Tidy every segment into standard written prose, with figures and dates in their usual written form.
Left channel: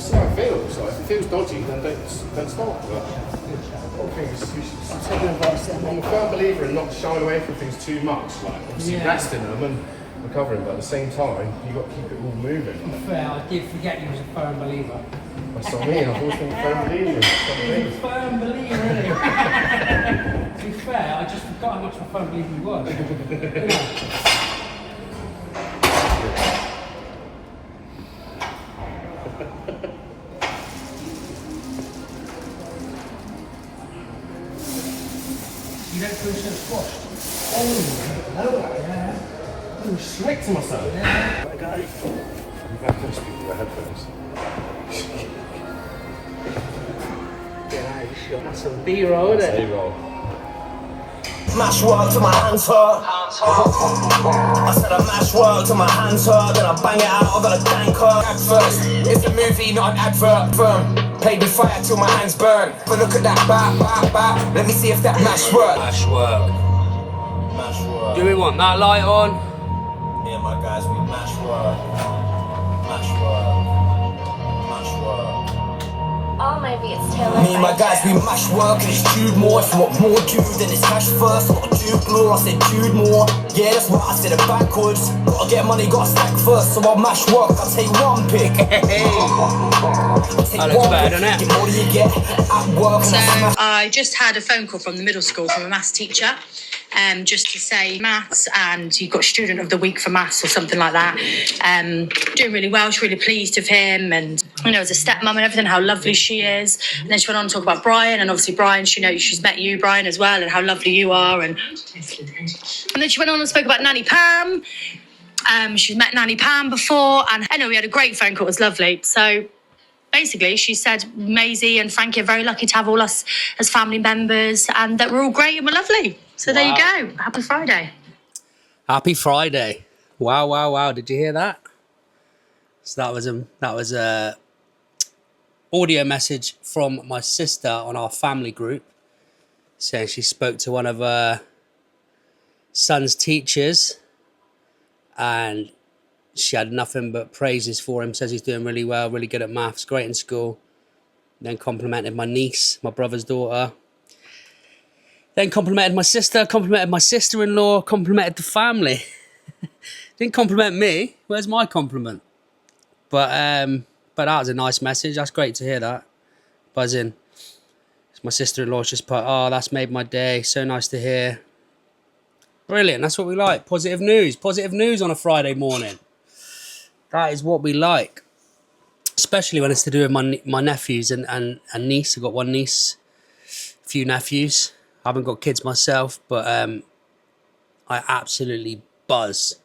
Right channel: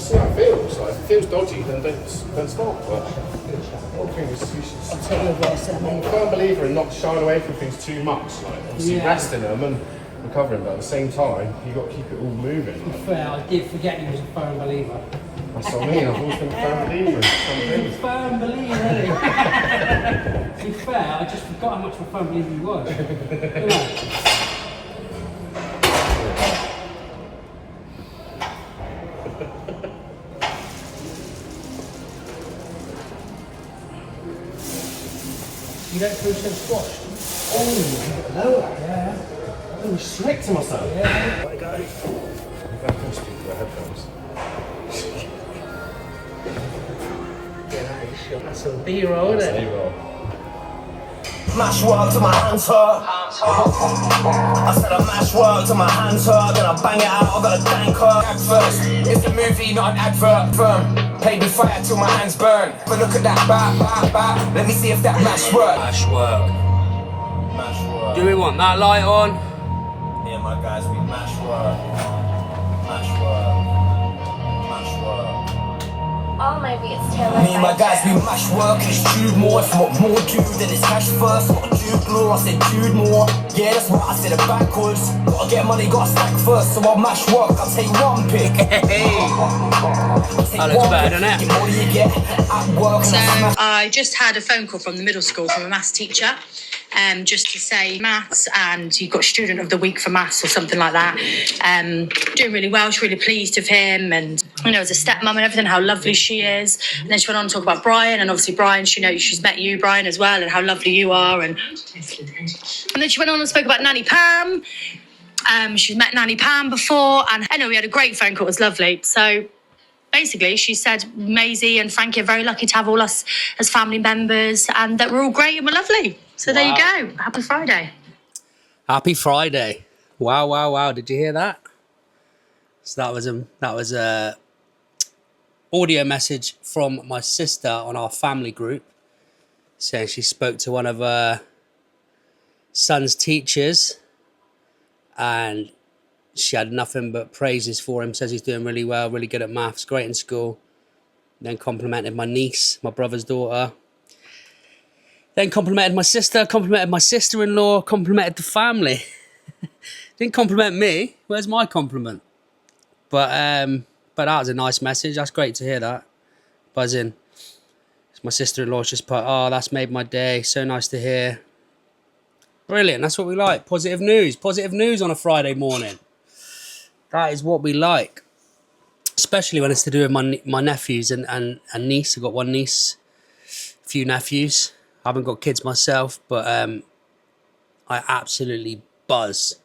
see how it feels. Like, if it feels dodgy, then don't start. But one thing is you should take advice. I'm a firm believer in not shying away from things too much. Like, obviously resting them and recovering, but at the same time, you've got to keep it all moving. Like. Fair, I did forget you was a firm believer. That's what I mean. I've always been a firm believer in some things. Firm believer, isn't he? To be fair, I just forgot how much of a firm believer you was. You don't feel so squashed? Oh, no. Yeah. I'm slick to myself. Yeah. There we go. I can speak to your headphones. Get out of shot. That's some B-roll, isn't it? B-roll. Mash work till my hands hurt. I said I mash work till my hands hurt. Then I bang it out of a danker. Adverts, it's a movie, not an advert. Firm, play with fire till my hands burn. But look at that, back. Let me see if that mash work. Mash work. Mash work. Do we want that light on? Yeah, my guys, we mash work. Mash work. Mash work. Oh, maybe it's too Me and my guys, we mash work, it's Jude more. If you want more Jude, then it's cash first. Not Jude more, I said Jude more. Yeah, that's what I said it backwards. Gotta get money, gotta stack first. So I'll mash work, I'll take one pick. That looks better, doesn't it? So I just had a phone call from the middle school from a maths teacher, just to say maths, and you've got student of the week for maths or something like that. Doing really well. She's really pleased with him, and as a stepmom and everything, how lovely she is. And then she went on to talk about Brian, and obviously Brian, she's met you, Brian, as well, and how lovely you are. And then she went on and spoke about Nanny Pam. She's met Nanny Pam before, and I know we had a great phone call. It was lovely. So basically, she said Maisie and Frankie are very lucky to have all us as family members, and that we're all great and we're lovely. So There you go. Happy Friday. Happy Friday. Wow. Did you hear that? So that was a audio message from my sister on our family group, saying she spoke to one of her son's teachers and she had nothing but praises for him. Says he's doing really well, really good at maths, great in school. Then complimented my niece, my brother's daughter. Then complimented my sister, complimented my sister-in-law, complimented the family. Didn't compliment me. Where's my compliment? But that was a nice message. That's great to hear that. Buzzing. My sister-in-law's just put, oh, that's made my day. So nice to hear. Brilliant. That's what we like. Positive news. Positive news on a Friday morning. That is what we like. Especially when it's to do with my nephews and niece. I've got one niece, a few nephews. I haven't got kids myself, but I absolutely buzz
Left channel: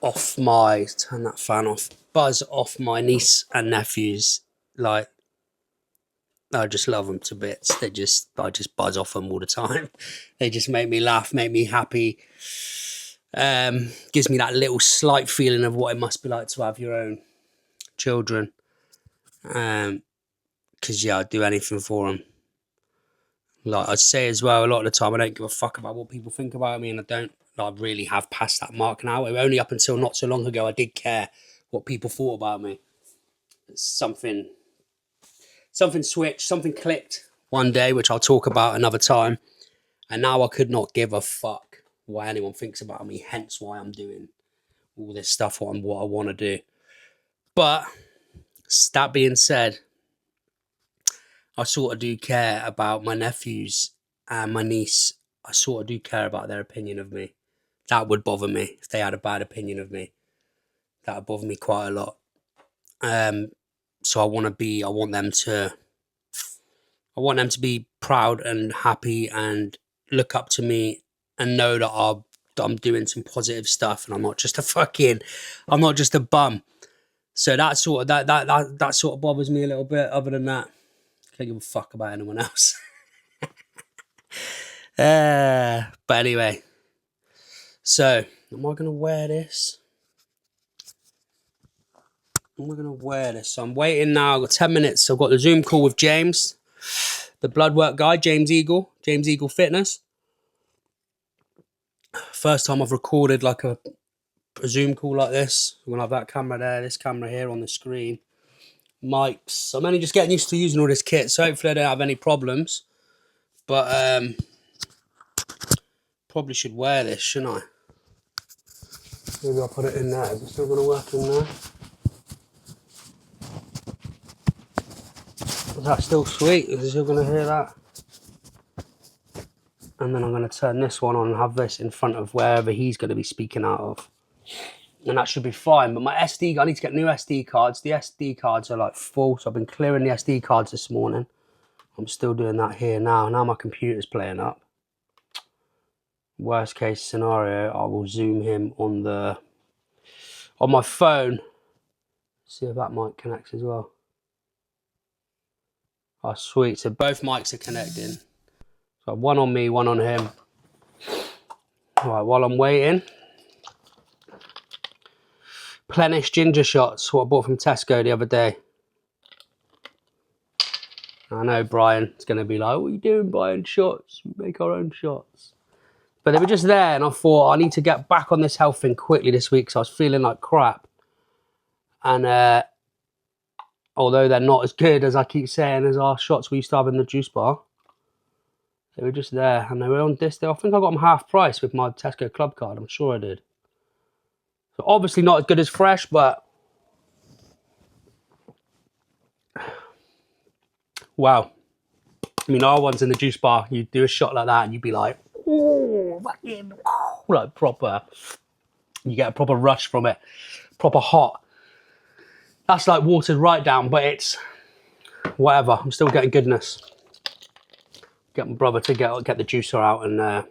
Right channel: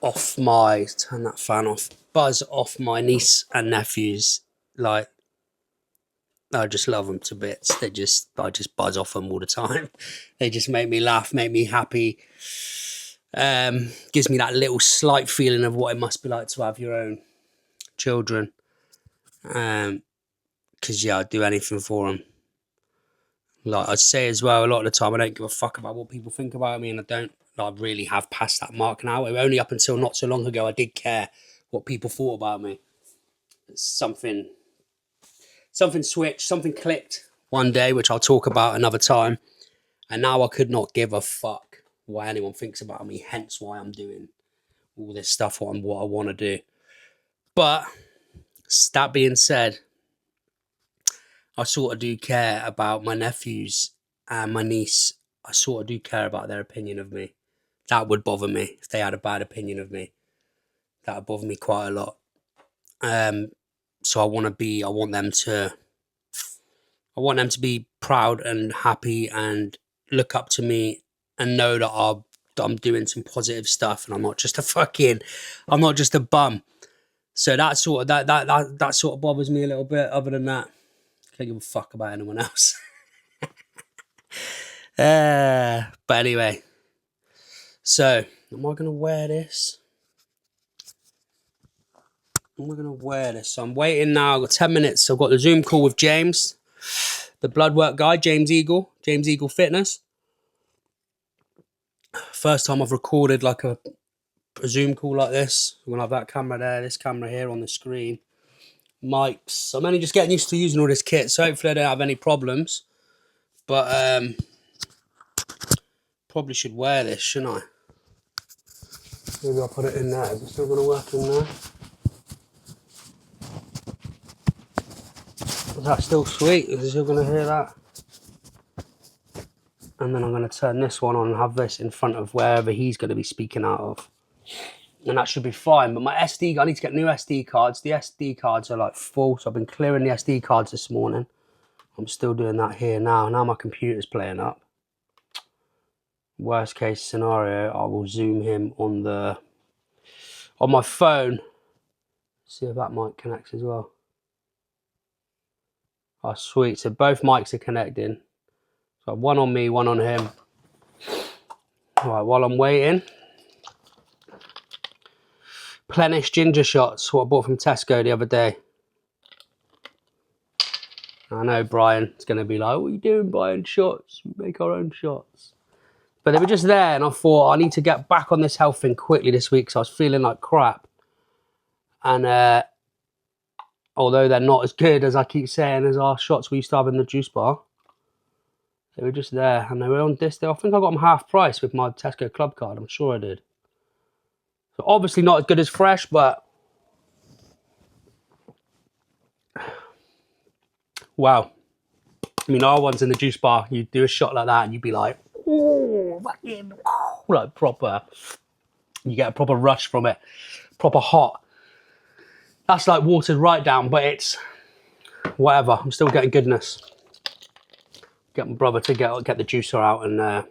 off turn that fan off, buzz off my niece and nephews. Like, I just love them to bits. I just buzz off them all the time. They just make me laugh, make me happy. Gives me that little slight feeling of what it must be like to have your own children. Because I'd do anything for them. Like I'd say as well, a lot of the time I don't give a fuck about what people think about me, and I really have passed that mark now. Only up until not so long ago I did care what people thought about me. Something switched, something clicked one day, which I'll talk about another time, and now I could not give a fuck what anyone thinks about me, hence why I'm doing all this stuff, what I want to do. But that being said, I sort of do care about my nephews and my niece. I sort of do care about their opinion of me. That would bother me if they had a bad opinion of me. That would bother me quite a lot. So I want them to be proud and happy and look up to me and know that I'm doing some positive stuff and I'm not just a bum. So that sort of bothers me a little bit. Other than that, I can't give a fuck about anyone else. But anyway, so am I going to wear this? So I'm waiting now. I've got 10 minutes. So I've got the Zoom call with James, the blood work guy, James Eagle Fitness. First time I've recorded like a Zoom call like this. I'm going to have that camera there, this camera here on the screen. mics. I'm only just getting used to using all this kit, so hopefully I don't have any problems. But probably should wear this, shouldn't I? Maybe I'll put it in there. Is it still going to work in there? Is that still sweet? Is it still going to hear that? And then I'm going to turn this one on and have this in front of wherever he's going to be speaking out of. And that should be fine. But my SD, I need to get new SD cards. The SD cards are like full, so I've been clearing the SD cards this morning. I'm still doing that here now. Now my computer's playing up. Worst case scenario, I will zoom him on my phone. See if that mic connects as well. Oh, sweet. So both mics are connecting. So one on me, one on him. All right, while I'm waiting. Plenish ginger shots, what I bought from Tesco the other day. I know Brian is going to be like, what are you doing buying shots? We make our own shots. But they were just there and I thought I need to get back on this health thing quickly this week because I was feeling like crap. And although they're not as good as I keep saying as our shots we used to have in the juice bar, they were just there and they were on this. I think I got them half price with my Tesco club card. I'm sure I did. So obviously not as good as fresh, but wow. I mean, our ones in the juice bar, you do a shot like that and you'd be like, oh, fucking, like proper. You get a proper rush from it, proper hot. That's like watered right down, but it's whatever. I'm still getting goodness. Get my brother to get the juicer out and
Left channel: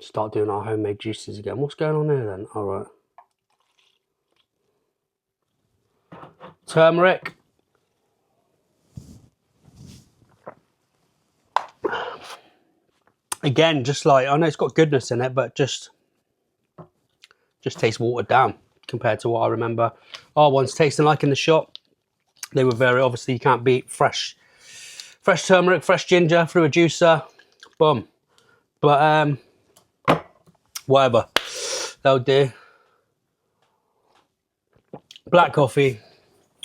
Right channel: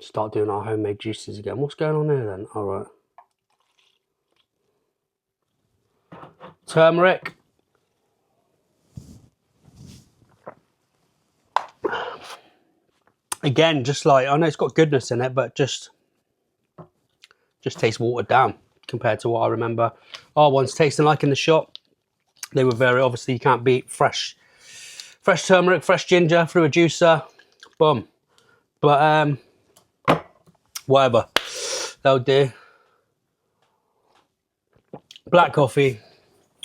start doing our homemade juices again. What's going on here then? All right. Turmeric. Again, just like, I know it's got goodness in it, but just tastes watered down compared to what I remember our ones tasting like in the shop. They were very, obviously you can't beat fresh turmeric, fresh ginger through a juicer. Boom. But whatever, that'll do. Black coffee.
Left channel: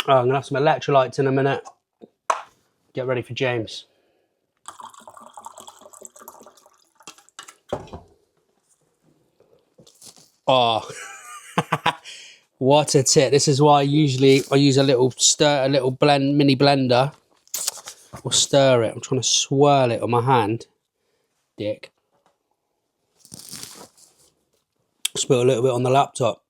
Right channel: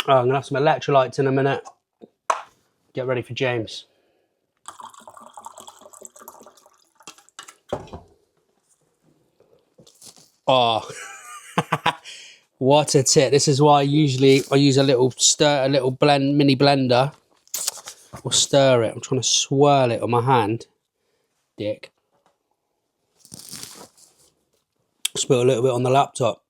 Oh, I'm gonna have some electrolytes in a minute. Get ready for James. Oh, what a tit. This is why I use a little mini blender. Or stir it. I'm trying to swirl it on my hand. Dick. Spill a little bit on the laptop.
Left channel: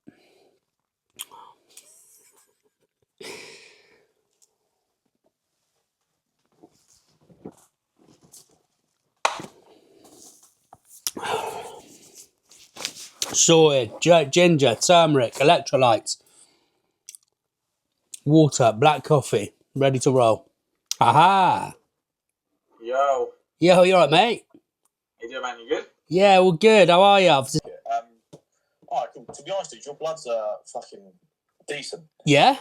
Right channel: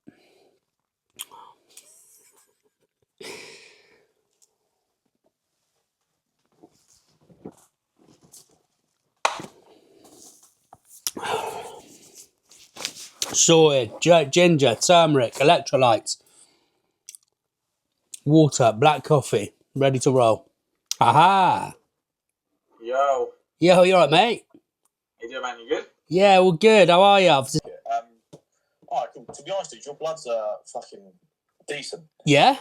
Sorted. Ginger, turmeric, electrolytes, water, black coffee. Ready to roll. Aha! Yo. Yo, you alright, mate? How you doing, man? You good? Yeah, well, good. How are you? Alright, cool. To be honest with you, your bloods are fucking decent. Yeah?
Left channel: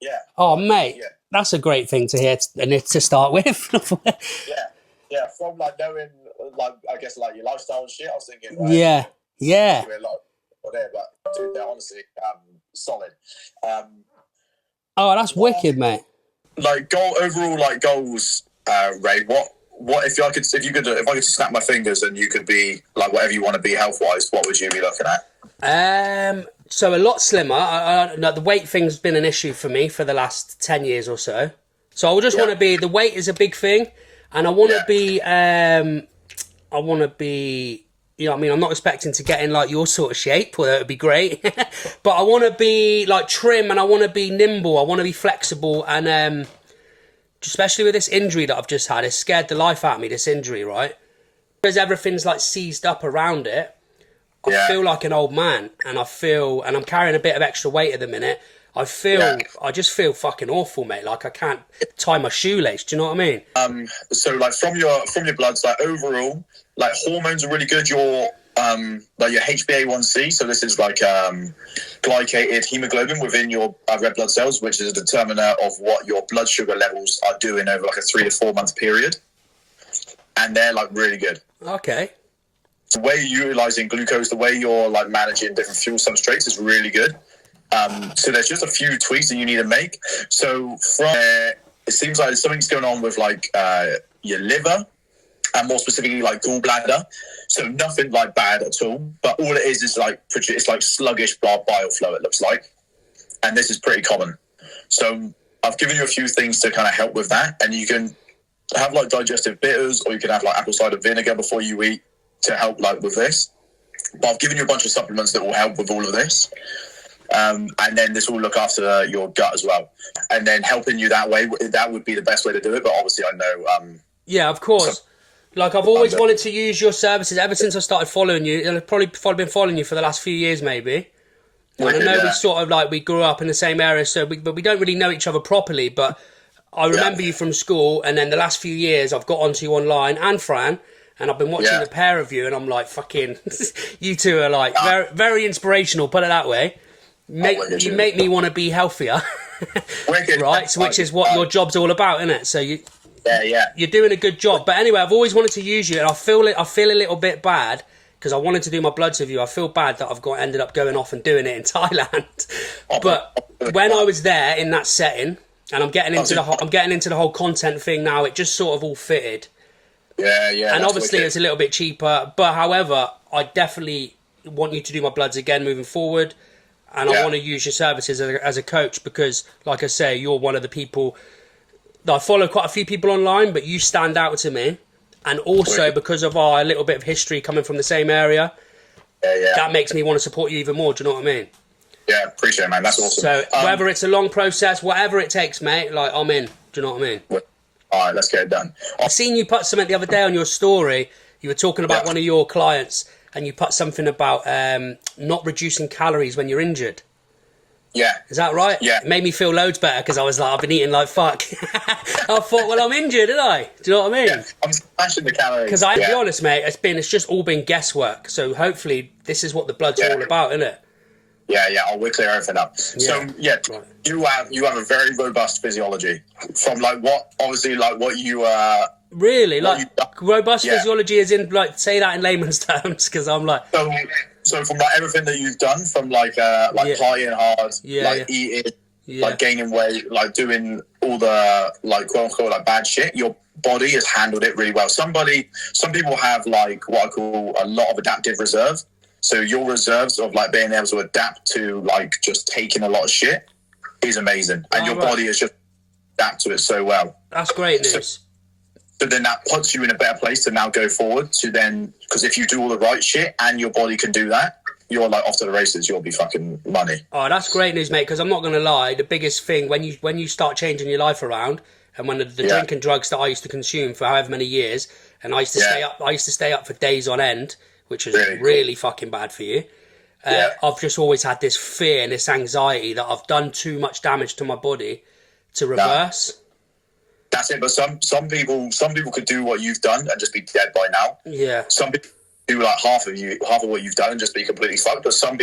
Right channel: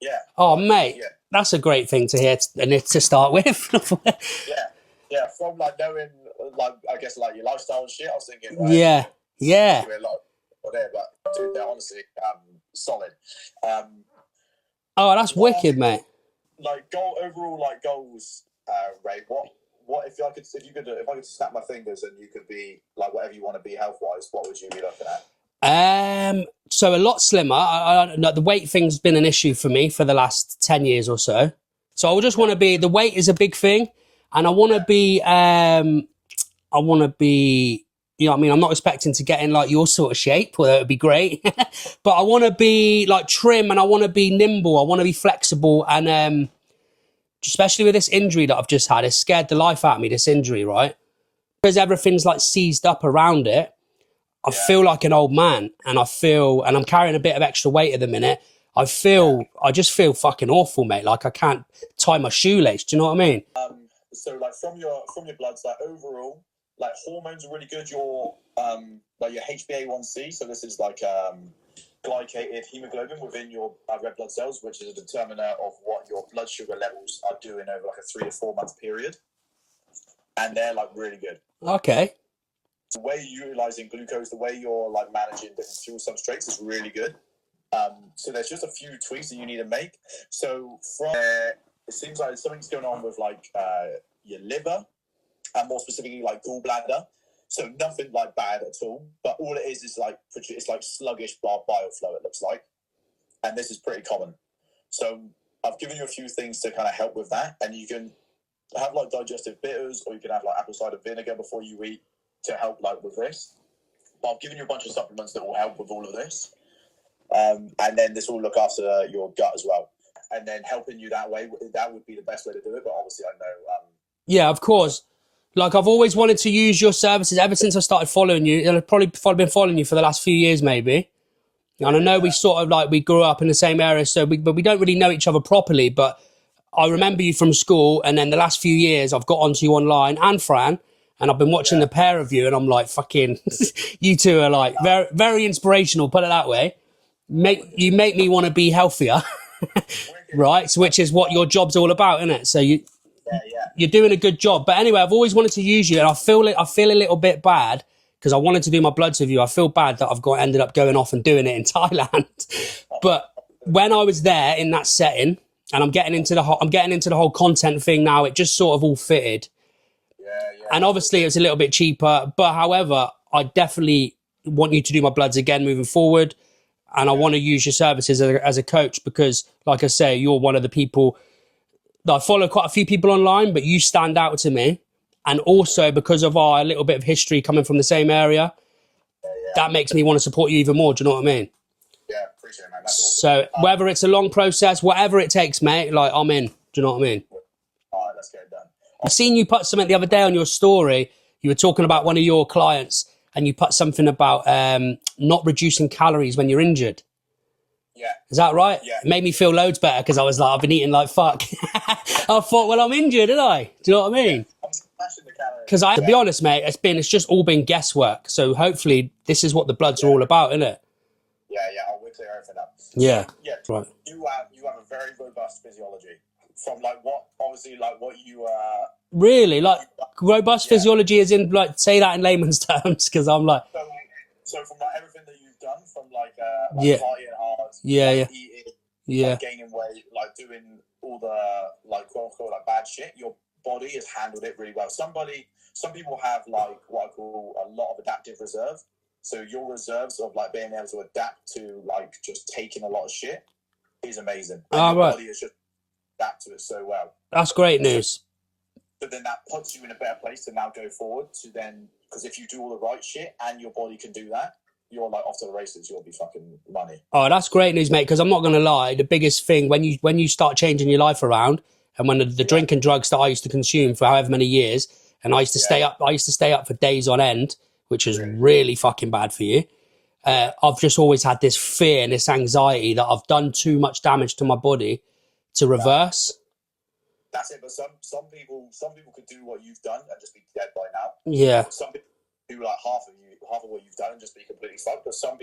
Yeah. Oh, mate. Yeah. That's a great thing to hear to start with. Yeah. From like knowing, like I guess like your lifestyle and shit, I was thinking. Yeah. Whatever, but dude, they're honestly solid. Oh, that's wicked, mate. Like overall goals, Ray. What if I could snap my fingers and you could be like whatever you want to be health wise? What would you be looking at? So a lot slimmer. The weight thing's been an issue for me for the last 10 years or so. So I just want to be. The weight is a big thing, and I want to be. You know what I mean? I'm not expecting to get in like your sort of shape, although it would be great. But I want to be like trim and I want to be nimble. I want to be flexible. And especially with this injury that I've just had, it scared the life out of me, this injury, right? Because everything's like seized up around it. I feel like an old man and I'm carrying a bit of extra weight at the minute. I just feel fucking awful, mate. Like I can't tie my shoelace. Do you know what I mean? So like from your bloods, like overall, like hormones are really good. Your like your HbA1c, so this is like glycated hemoglobin within your red blood cells, which is a determiner of what your blood sugar levels are doing over like a 3 to 4 month period, and they're like really good. Okay. The way you're utilizing glucose, the way you're like managing different fuel substrates is really good. So there's just a few tweaks that you need to make. So from it seems like something's going on with like your liver, and more specifically like gallbladder. So nothing like bad at all, but all it is like it's like sluggish bile flow. It looks like, and this is pretty common. So I've given you a few things to kind of help with that, and you can have like digestive bitters, or you can have like apple cider vinegar before you eat to help like with this. But I've given you a bunch of supplements that will help with all of this. And then this will look after your gut as well. And then helping you that way, that would be the best way to do it. But obviously I know... yeah, of course. Like, I've always wanted to use your services ever since I started following you. I've probably been following you for the last few years, maybe. And I know we sort of, like, we grew up in the same area, but we don't really know each other properly. But I remember you from school, and then the last few years I've got onto you online, and Fran, and I've been watching the pair of you, and I'm like, fucking, you two are, like, very, very inspirational, put it that way. You make me want to be healthier, right? So, which is what your job's all about, isn't it? So you're doing a good job. But anyway, I've always wanted to use you, and I feel a little bit bad because I wanted to do my bloods with you. I feel bad that I've ended up going off and doing it in Thailand. But when I was there in that setting, and I'm getting into the whole content thing now, it just sort of all fitted. Yeah. And obviously it's a little bit cheaper, but however, I definitely want you to do my bloods again moving forward. And I want to use your services as a coach because, like I say, you're one of the people that I follow quite a few people online, but you stand out to me. And also because of our little bit of history coming from the same area, that makes me want to support you even more. Do you know what I mean? Yeah, appreciate it, man. That's awesome. So whether it's a long process, whatever it takes, mate, like I'm in. Do you know what I mean? All right, let's get it done. I seen you put something the other day on your story. You were talking about one of your clients, and you put something about not reducing calories when you're injured. Yeah. Is that right? Yeah. It made me feel loads better because I was like, I've been eating like fuck. I thought, well, I'm injured, didn't I? Do you know what I mean? Yeah, I'm smashing the calories. Because to be honest, mate, it's just all been guesswork. So hopefully this is what the bloods are all about, isn't it? Yeah, we'll clear everything up. Yeah. So right. you have a very robust physiology from like what you really like robust physiology is in like say that in layman's terms because I'm like so from like everything that you've done from like partying hard, eating, like gaining weight, like doing all the like quote unquote like bad shit, your body has handled it really well. Some people have like what I call a lot of adaptive reserve. So your reserves of like being able to adapt to like just taking a lot of shit is amazing, and your body is just adapt to it so well. That's great news. So then that puts you in a better place to now go forward to then, because if you do all the right shit and your body can do that, you're like off to the races. You'll be fucking money. Oh, that's great news, mate. Because I'm not gonna lie, the biggest thing when you start changing your life around, and when the drink and drugs that I used to consume for however many years, and I used to stay up for days on end, which was really fucking bad for you. I've just always had this fear and this anxiety that I've done too much damage to my body to reverse. That's it. But some people could do what you've done and just be dead by now. Yeah. Some people do like half of what you've done and just be completely fucked. But some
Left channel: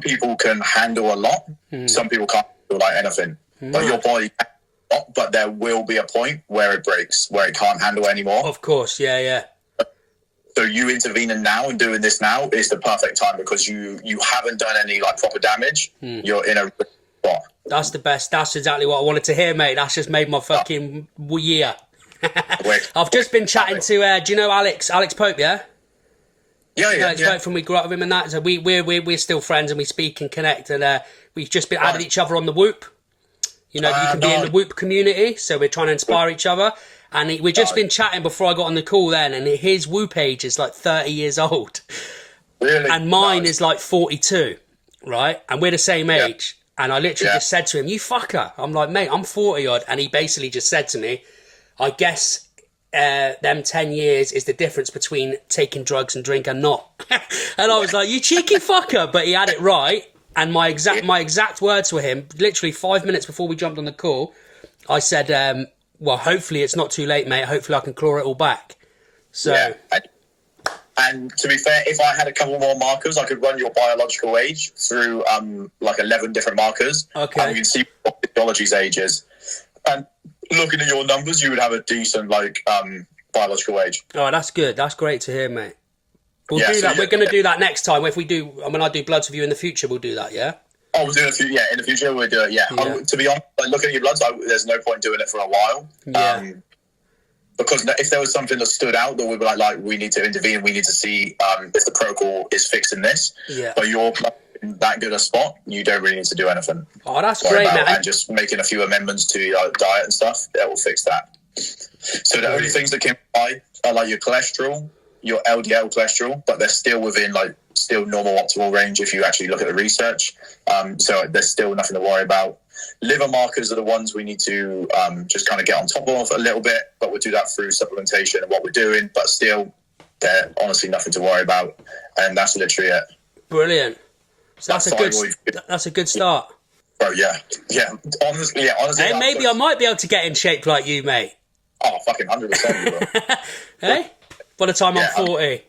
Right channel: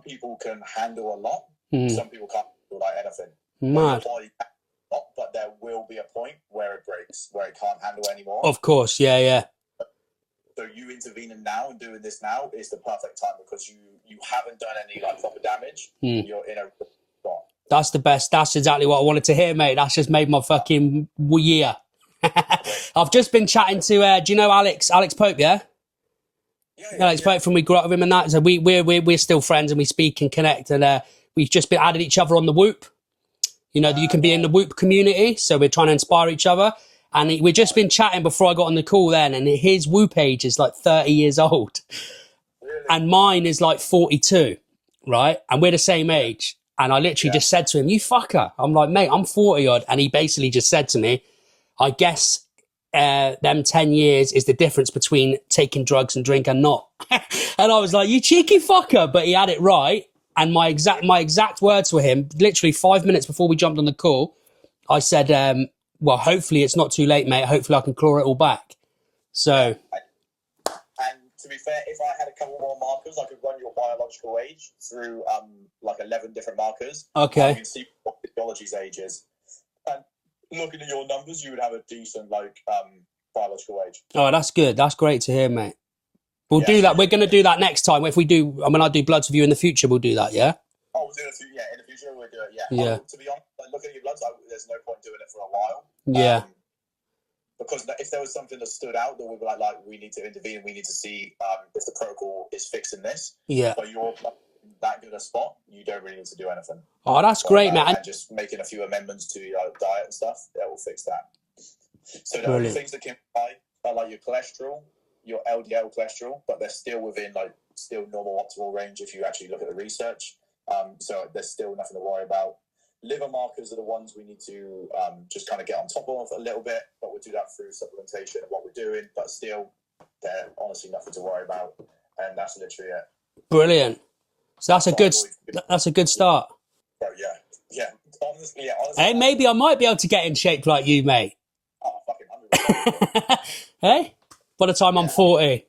people can handle a lot. Some people can't do like anything. But your body can handle a lot, but there will be a point where it breaks, where it can't handle anymore. Of course, yeah. So you intervening now and doing this now is the perfect time because you haven't done any like proper damage. You're in a spot. That's the best. That's exactly what I wanted to hear, mate. That's just made my fucking year. I've just been chatting to, do you know Alex Pope, yeah? Yeah. Alex Pope from we grew up with him and that. So we're still friends and we speak and connect and we've just been added each other on the Whoop. You know, you can be in the Whoop community. So we're trying to inspire each other. And we've just been chatting before I got on the call then, and his Whoop age is like 30 years old. Really? And mine is like 42, right? And we're the same age. And I literally just said to him, you fucker. I'm like, mate, I'm 40 odd. And he basically just said to me, I guess them 10 years is the difference between taking drugs and drink and not. And I was like, you cheeky fucker. But he had it right. And my exact words were him, literally 5 minutes before we jumped on the call, I said, well, hopefully it's not too late, mate. Hopefully I can claw it all back. So... Yeah. And to be fair, if I had a couple more markers, I could run your biological age through like 11 different markers. Okay. You can see what physiology's age is. And looking at your numbers, you would have a decent like biological age. Oh, that's good. That's great to hear, mate. We'll do that. We're going to do that next time. If we do, I do bloods with you in the future, we'll do that, yeah? Oh, we'll do it. In the future we'll do it. Yeah. Yeah. To be honest, like looking at your bloods, there's no point doing it for a while. Yeah. Because if there was something that stood out that we were like we need to intervene, we need to see if the protocol is fixing this. Yeah. But you're in that good a spot, you don't really need to do anything. Oh, that's great, man. And just making a few amendments to your diet and stuff, that will fix that. So the only things that can buy are like your cholesterol, your LDL cholesterol, but they're still within still normal optimal range if you actually look at the research. So there's still nothing to worry about. Liver markers are the ones we need to just kind of get on top of a little bit, but we'll do that through supplementation and what we're doing, but still they're honestly nothing to worry about. And that's literally it. Brilliant. So that's a good start. Oh yeah. Honestly. Hey, maybe I might be able to get in shape like you, mate. Oh, fucking 100%. Hey, by the time I'm 40.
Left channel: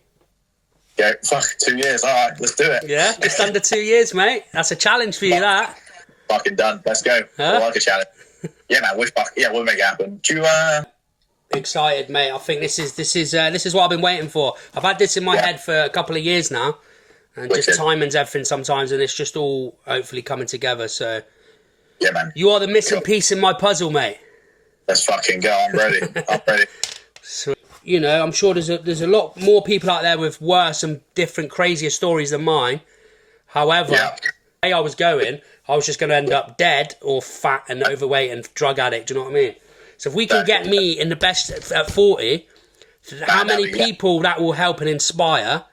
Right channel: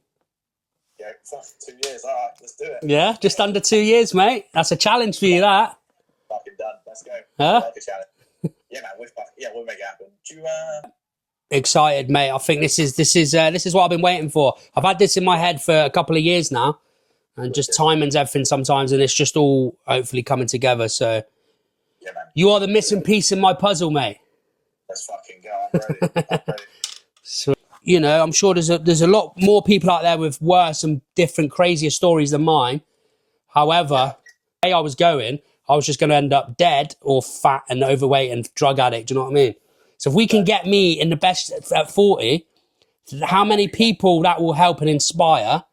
Yeah, fuck, 2 years. All right, let's do it. Yeah, just under 2 years, mate. That's a challenge for you, that. Fucking done. Let's go. Huh? I like a challenge. Yeah, man. We'll make it happen. Do you? Excited, mate. I think this is what I've been waiting for. I've had this in my head for a couple of years now, and just timing's everything sometimes, and it's just all hopefully coming together. So, yeah, man. You are the missing piece in my puzzle, mate. Let's fucking go. I'm ready. I'm ready. So, you know, I'm sure there's a lot more people out there with worse and different, crazier stories than mine. However, the way I was going, I was just going to end up dead or fat and overweight and drug addict. Do you know what I mean? So if we can get me in the best at 40, how many people that will help and inspire?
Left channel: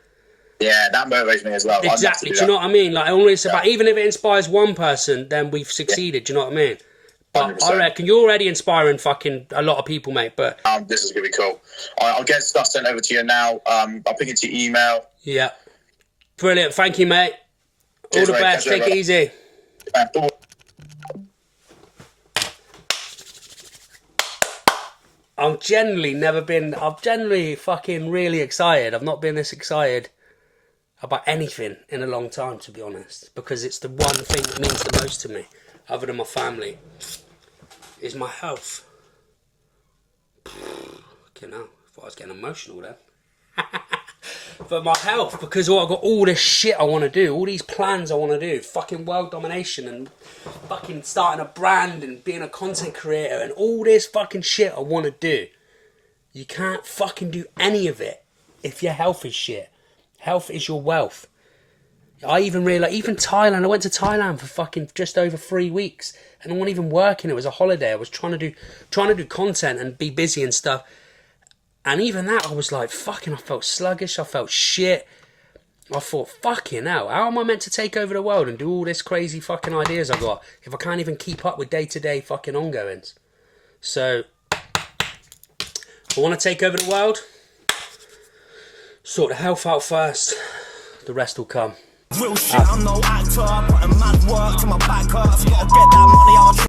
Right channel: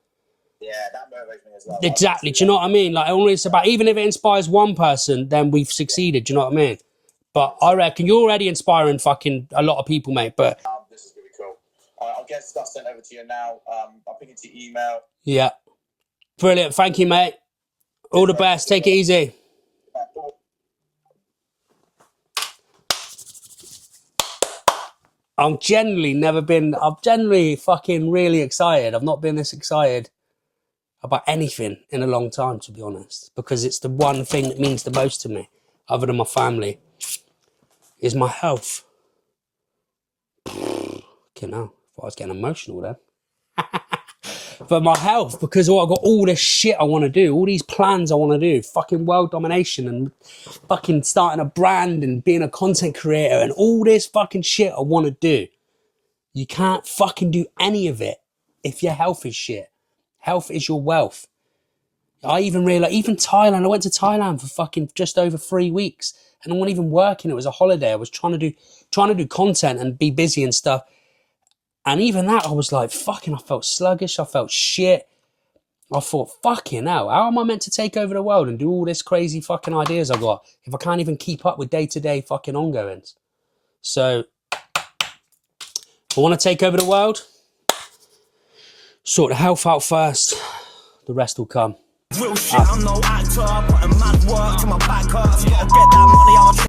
Yeah, that motivates me as well. Exactly. Do you know what I mean? Like, only it's about, even if it inspires one person, then we've succeeded. Do you know what I mean? But 100%. I reckon you're already inspiring fucking a lot of people, mate. But this is gonna be cool. I'll get stuff sent over to you now. I'll pick it to your email. Yeah, brilliant. Thank you, mate. All the best. Take it easy. I've generally fucking really excited. I've not been this excited about anything in a long time, to be honest, because it's the one thing that means the most to me, other than my family, is my health. Okay, now I thought I was getting emotional then. But my health, because I've got all this shit I want to do, all these plans I want to do, fucking world domination and fucking starting a brand and being a content creator and all this fucking shit I want to do. You can't fucking do any of it if your health is shit. Health is your wealth. I even realised, even Thailand, I went to Thailand for fucking just over 3 weeks and I wasn't even working. It was a holiday. I was trying to do content and be busy and stuff. And even that, I was like, fucking, I felt sluggish. I felt shit. I thought, fucking hell, how am I meant to take over the world and do all this crazy fucking ideas I got if I can't even keep up with day-to-day fucking ongoings? So, I want to take over the world. Sort the health out first. The rest will come. Real shit, I'm no actor, putting mad work to my back hurts. Gotta get that money, I'm a